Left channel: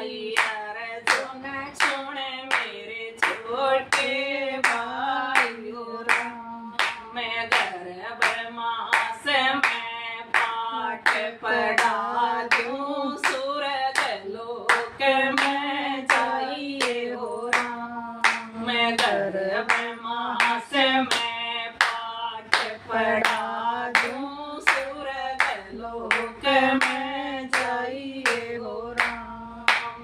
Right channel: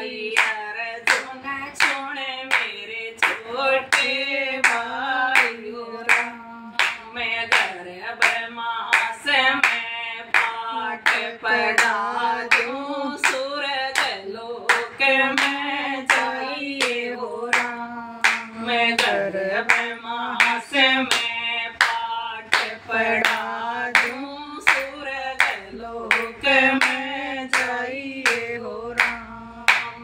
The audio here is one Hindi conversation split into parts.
भाई अर्जुन सुन मेरे छोटे भाई मैं गर्भ माँ से मैं पाठ पढ़ा दूं सुरग लोक में जाइए हो राम। मैं गर्भ माँ से मैं पाठ पढ़ा दूं सुरग लोक में जाइए हो राम।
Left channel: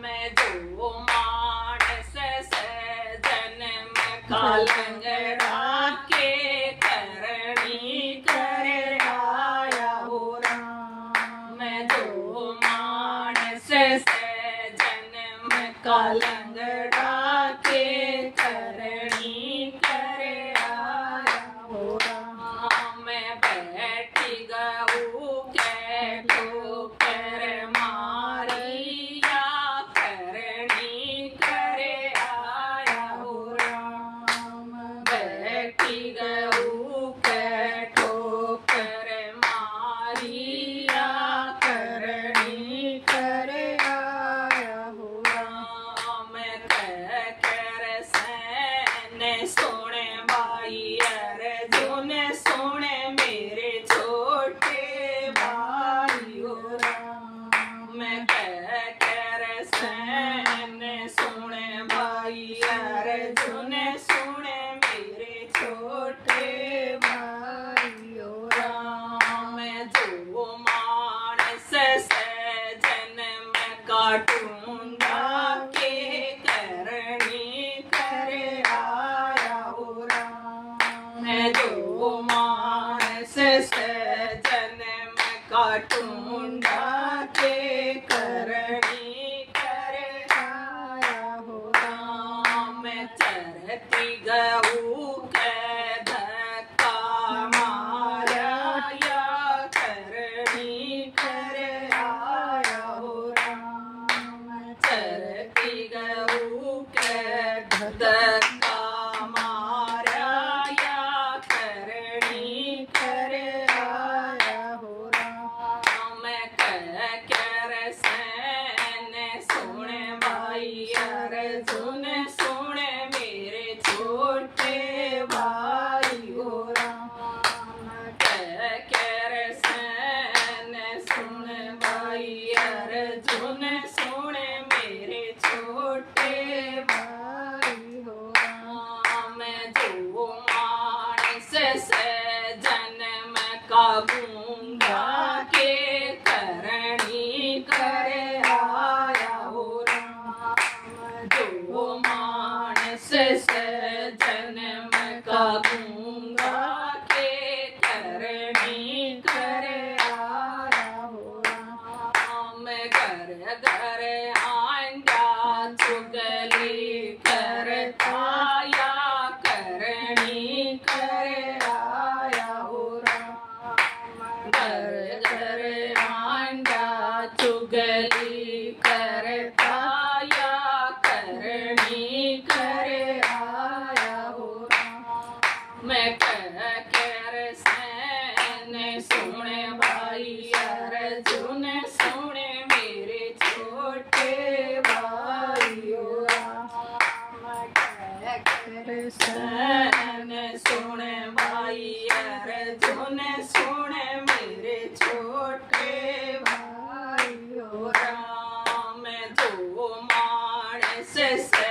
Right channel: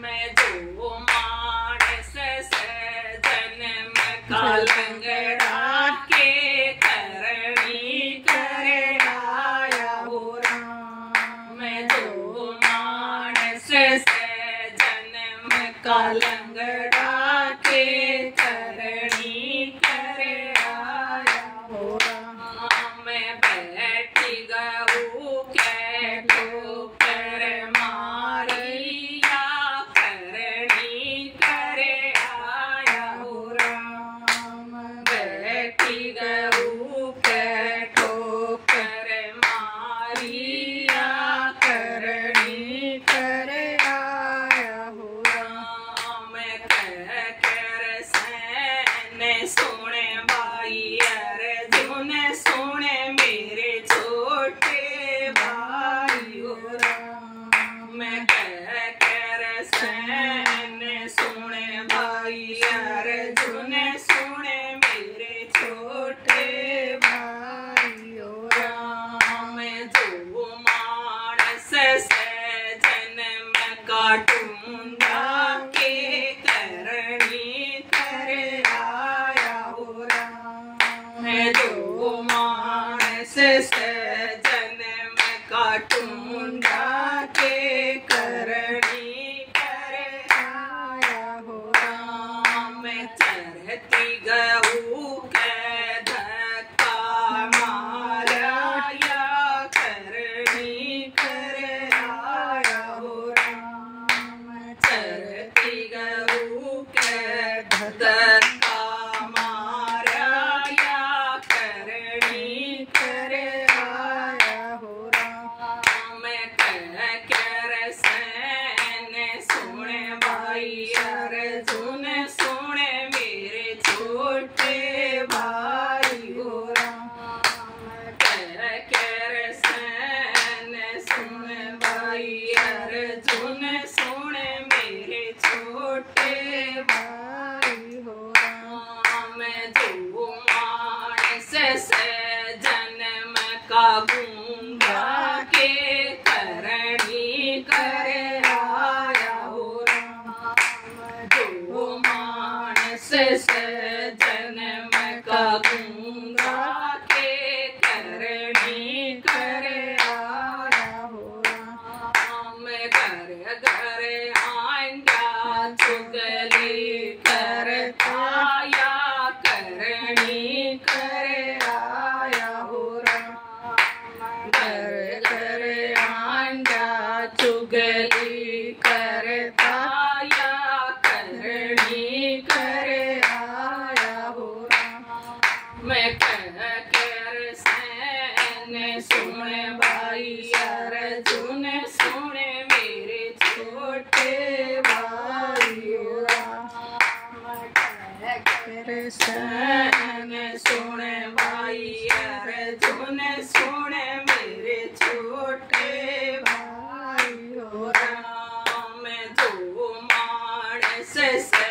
मैं जो मानस से जन्म का लंगड़ा के करनी करे आया हो राम। मैं जो मानस से जन्म का लंगड़ा के करनी करे आया हो राम। मैं बैठी गऊ के ठोकर मारिया करनी करे आया हो राम। बैठी गऊ के ठोकर मारिया करनी करे आया हो राम। कह कर सैन सोने भाई अर्जुन सोने मेरे छोटे भाई हो राम। मैं कह कर सैन सोने भाई अर्जुन सोने मेरे छोटे भाई हो राम। मैं जो मानस से जन्म काटूंगा के करनी करे आया हो राम। मैं जो मानस से जन्म काटूंगा के करनी करे आया हो राम। मैं चरती गऊ के धक्का मारा या करनी करे आया हो राम। चरती गऊ के धक्का मारा या करनी करे आया हो राम। मैं कह कर सैन सोने भाई अर्जुन सोने मेरे छोटे भाई हो राम। कह कर सैन सोने भाई अर्जुन सोने मेरे छोटे भाई हो राम। मैं जो मानस से जन्म का गूंगा के करनी करे आया हो राम। जो मानस से जन्म का गूंगा के करनी करे आया हो राम। घर घर आएंगा चुगली करता या करनी करे आया हो राम। घर घर आएंगा चुगली करता या करनी करे आया हो राम। मैं कह कर सैन सुने भाई अर्जुन सुने मेरे छोटे भाई हो राम। कह कर सैन सुने भाई अर्जुन सुने मेरे छोटे भाई हो राम। जो मानस से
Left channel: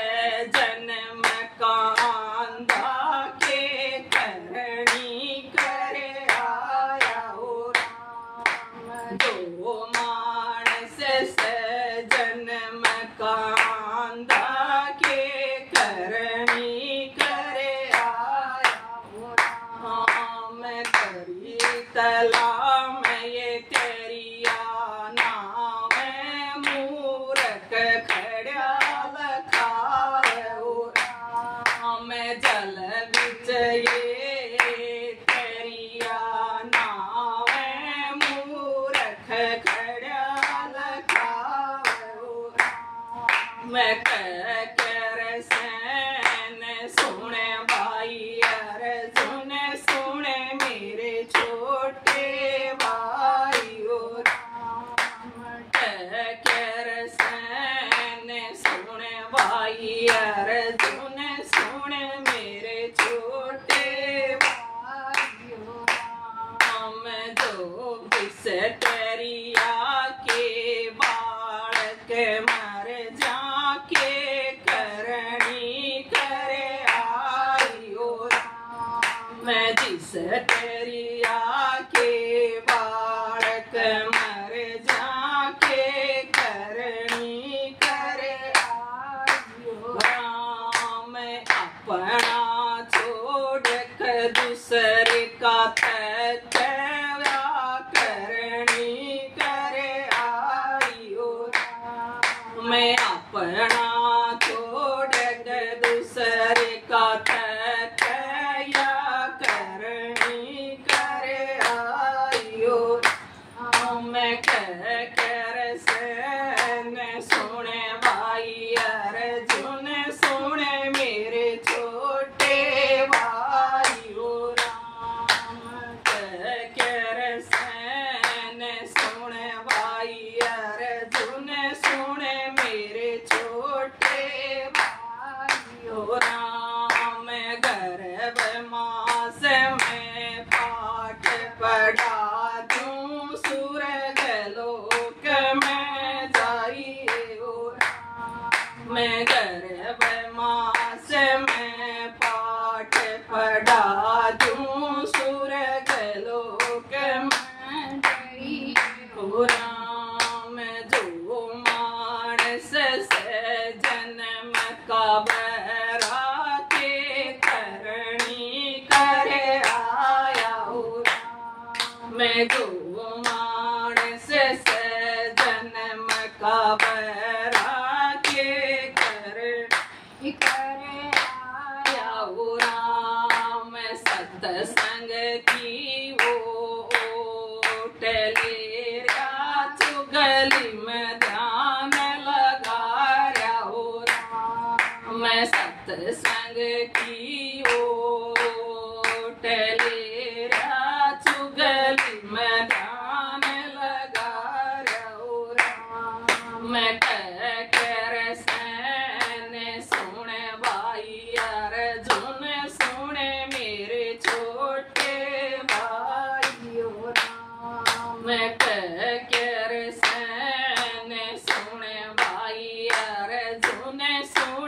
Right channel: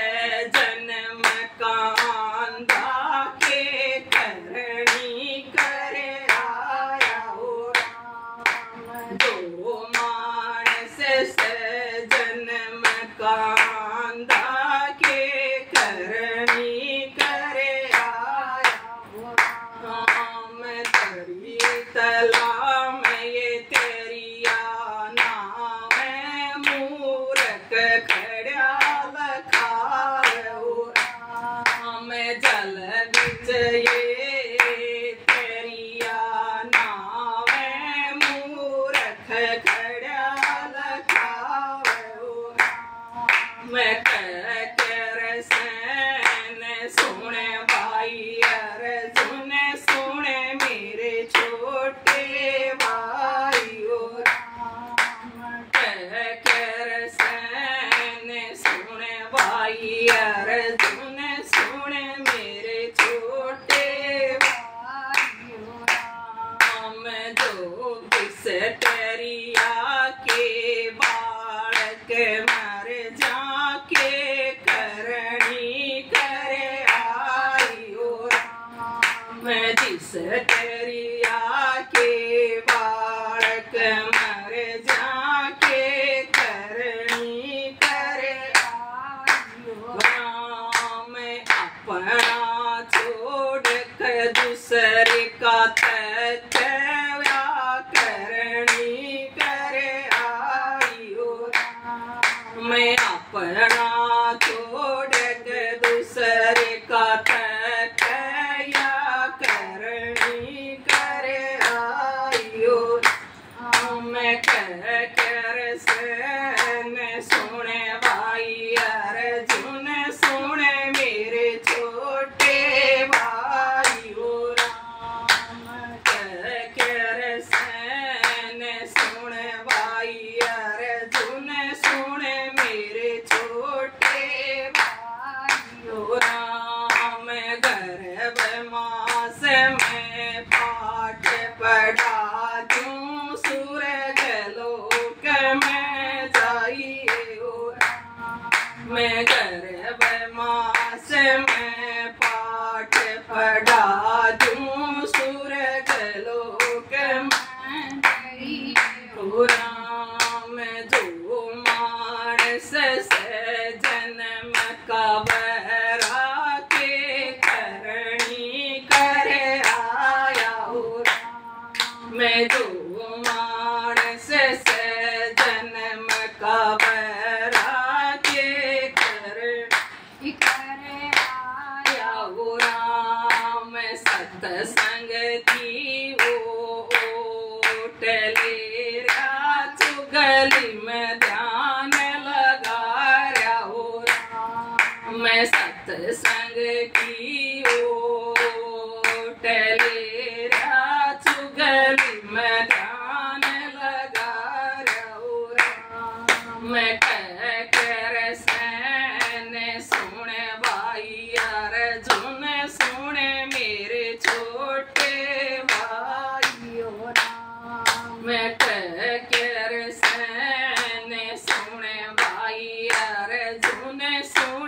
जन्म कांधा के करनी करे आया हो राम। जो मानस से जन्म कांधा के करनी करे आया हो राम। तेरी तला में ये तेरिया नाम मूरख खड़ा लखाए हो राम। जल बिच ये तेरिया नाम मूरख खड़ा लखाए हो राम। मैं कह कर सैन सुने भाई अर्जुन सुने मेरे छोटे भाई हो राम। कह कर सैन भाई अर्जुन सुन मेरे छोटे भाइयों राम जो बिसटरिया के बालक मर जाके करनी करे आयो राम जिस टरिया के बालक मर जाके करनी करे आयो राम अपना छोड़ कर दूसरे का तत्व्या करनी करे आयो राम अपना छोड़ कर दूसरे का तत्व्या करनी करे आयो राम कर सुने भाई अर्जुन सुने मेरे छोटे भाइयों राम कर सुने भाई अर्जुन सुने मेरे छोटे भाइयों राम गर्भ मास में पाठ पढ़ा दूं सूरज लोक में जाइए ओ राम मैं गर्भ मास में पाठ पढ़ा दूं सूरज लोक में जाइए ओ राम जो मानस से जन्म का बरा के करनी करे आया ओ राम मैं जो मानस से जन्म का बरा के करे आया ओ राम सत्संग की ओट ले चुगली में ध्यान लगा रहा ओ राम मैं सत्संग की ओट ले चुगली में ध्यान लगा रहा ओ राम मैं कर सुने भाई अर्जुन सुने मेरे छोटे भाइयों राम मैं कर सुने भाई अर्जुन सुने